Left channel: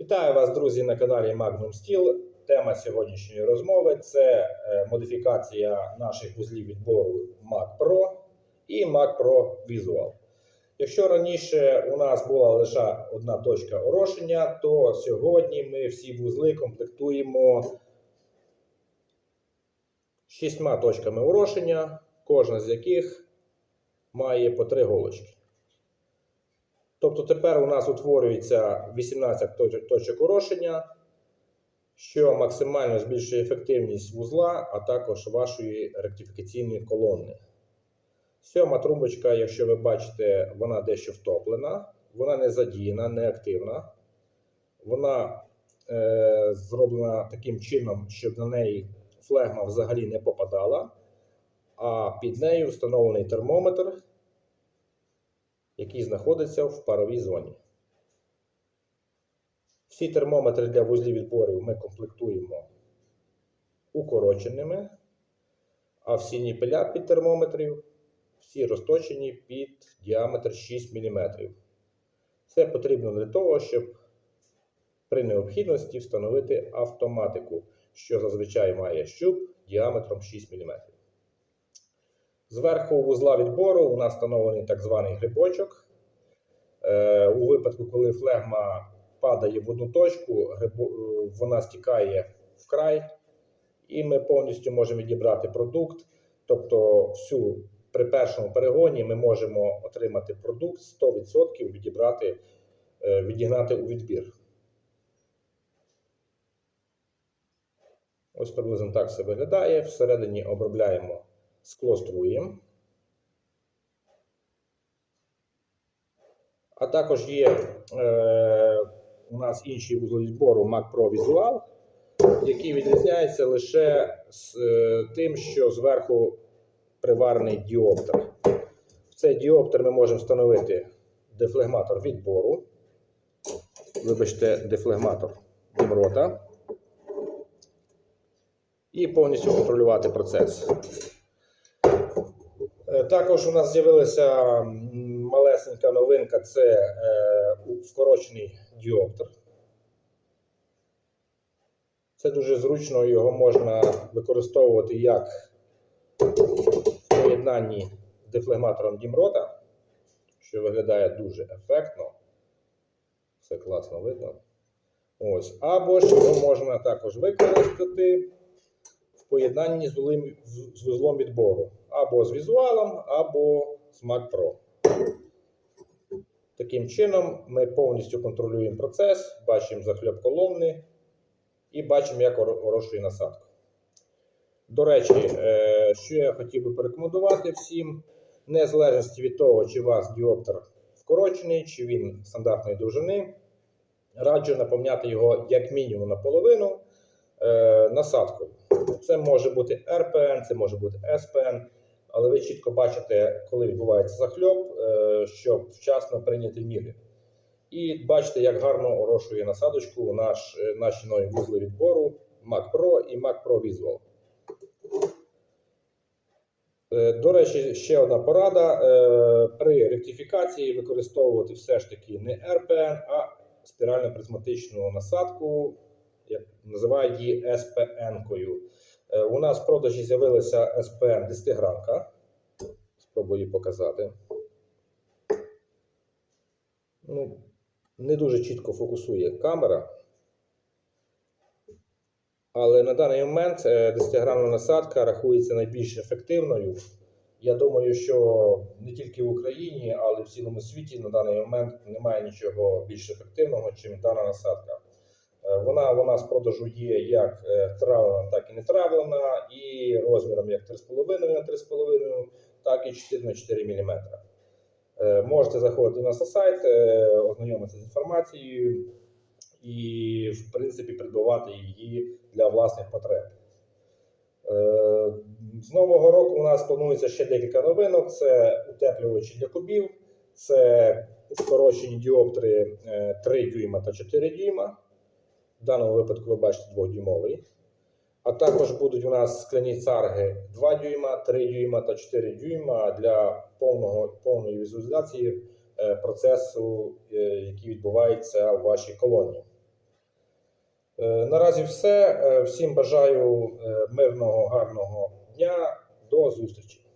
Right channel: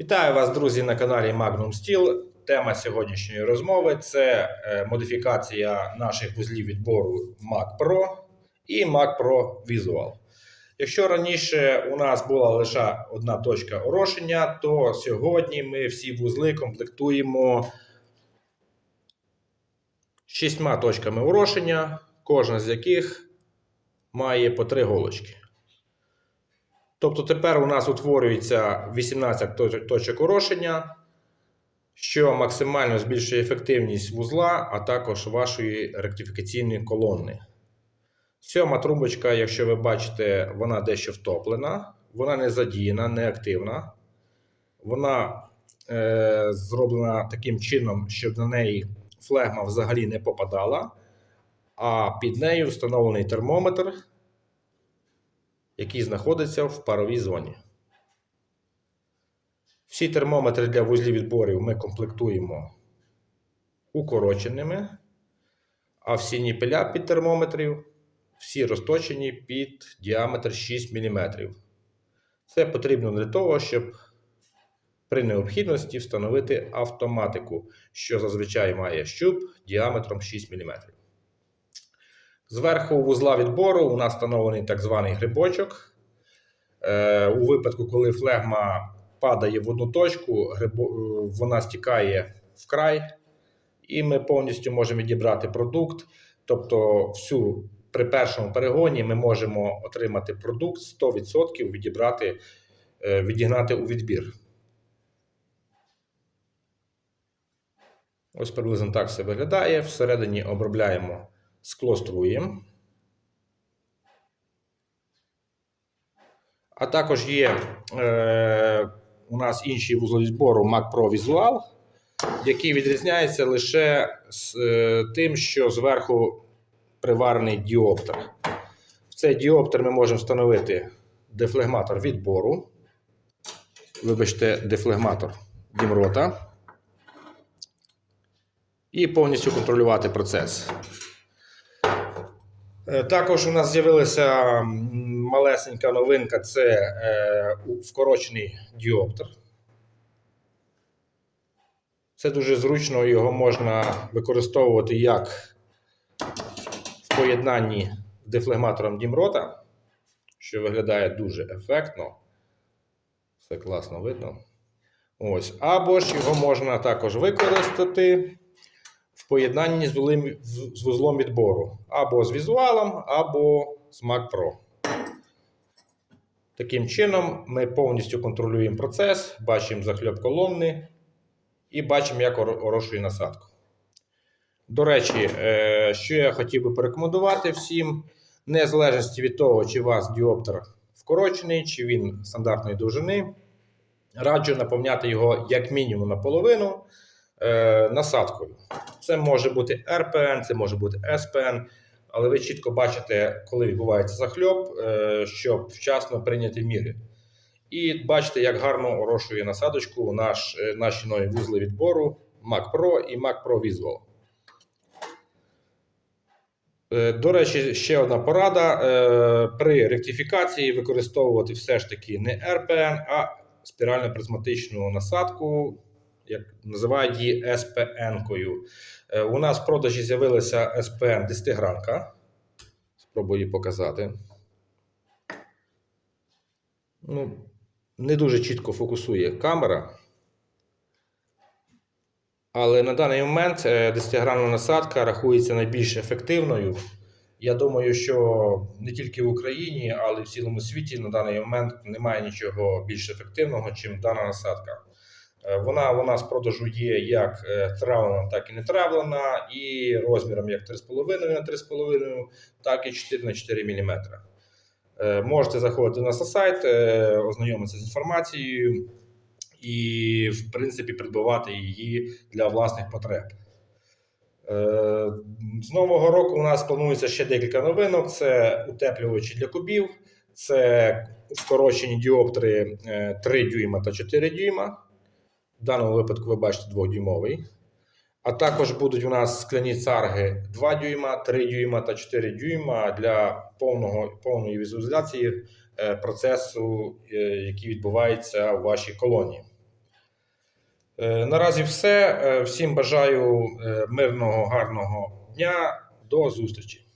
Вітаю вас, друзі, на каналі Magnum Steel. Тема сьогоднішньої розмови це е, модифікація наших вузлів відбору Mac Pro і Mac Pro Visual. Якщо раніше у нас була лише одна точка орошення, то сьогодні ми всі вузли комплектуємо шістьма точками орошення, кожна з яких має по три голочки. Тобто тепер у нас утворюється 18 точок орошення, що максимально збільшує ефективність вузла, а також вашої ректифікаційної колонни. Сьома трубочка, якщо ви бачите, вона дещо втоплена, вона не задіяна, не активна. Вона е, зроблена таким чином, щоб на неї флегма взагалі не попадала, а під нею встановлений термометр який знаходиться в паровій зоні. Всі термометри для вузлів відборів ми комплектуємо укороченими, а всі ніпеля під термометрів всі розточені під діаметр 6 мм. Це потрібно для того, щоб при необхідності встановити автоматику, що зазвичай має щуп діаметром 6 мм. Зверху вузла відбору у нас встановлений так званий грибочок. Е, у випадку, коли флегма падає в одну точку, е, вона стікає в край, і ми повністю можемо відібрати продукт. Тобто, всю, при першому перегоні ми можемо отримати продукт 100% відібрати, е, відігнати у відбір. Ось приблизно так все виглядає. Всередині обробляємо скло струєм. А також є е, у нас інший вузол збору Mac Pro Visual, який відрізняється лише з е, тим, що зверху приварений діоптер. В цей діоптер ми можемо встановити дефлегматор відбору. Вибачте, дефлегматор дімрота. І повністю контролювати процес. Е, Також у нас з'явилася малесенька новинка це е, вкорочений діоптер. Це дуже зручно, його можна використовувати як в поєднанні з дефлегматором Дімрота, що виглядає дуже ефектно. Все класно видно. Ось. Або ж його можна також використати поєднанні з, вулим- з- вузлом відбору. Або з візуалом, або з Mac Pro. Таким чином, ми повністю контролюємо процес, бачимо захльоп колонни і бачимо, як орошує насадку. До речі, е, що я хотів би порекомендувати всім, незалежності від того, чи у вас діоптер вкорочений, чи він стандартної довжини, раджу наповняти його як мінімум наполовину е, насадкою. Це може бути РПН, це може бути СПН, але ви чітко бачите, коли відбувається захльоп, е, щоб вчасно прийняти міри. І бачите, як гарно орошує насадочку наш, е, наші нові вузли відбору Mac Pro і Mac Pro Visual. До речі, ще одна порада. При ректифікації використовувати все ж таки не РПН, а спірально-призматичну насадку, як називають її СПН-кою. Е, У нас в продажі з'явилася СПН 10 гранка. Спробую її показати. Ну, не дуже чітко фокусує камера. Але на даний момент 10-гранна насадка рахується найбільш ефективною. Я думаю, що не тільки в Україні, але й в цілому світі на даний момент немає нічого більш ефективного, ніж дана насадка. Е, Вона у нас продажу є як е, травлена, так і не травлена, і розміром як 3,5 на 3,5, так і 4 на 4 мм. Е, Можете заходити на сайт, е, ознайомитися з інформацією і, в принципі, придбавати її для власних потреб. З нового року у нас планується ще декілька новинок: це утеплювачі для кубів, це скорочені діоптери е, 3 дюйма та 4 дюйма. В даному випадку ви бачите 2-дюймовий. А також будуть у нас скляні царги 2 дюйма, 3 дюйма та 4 дюйма для повного, повної візуалізації е, процесу, е, який відбувається у вашій колонії. Е, Наразі все. Всім бажаю мирного, гарного дня. До зустрічі.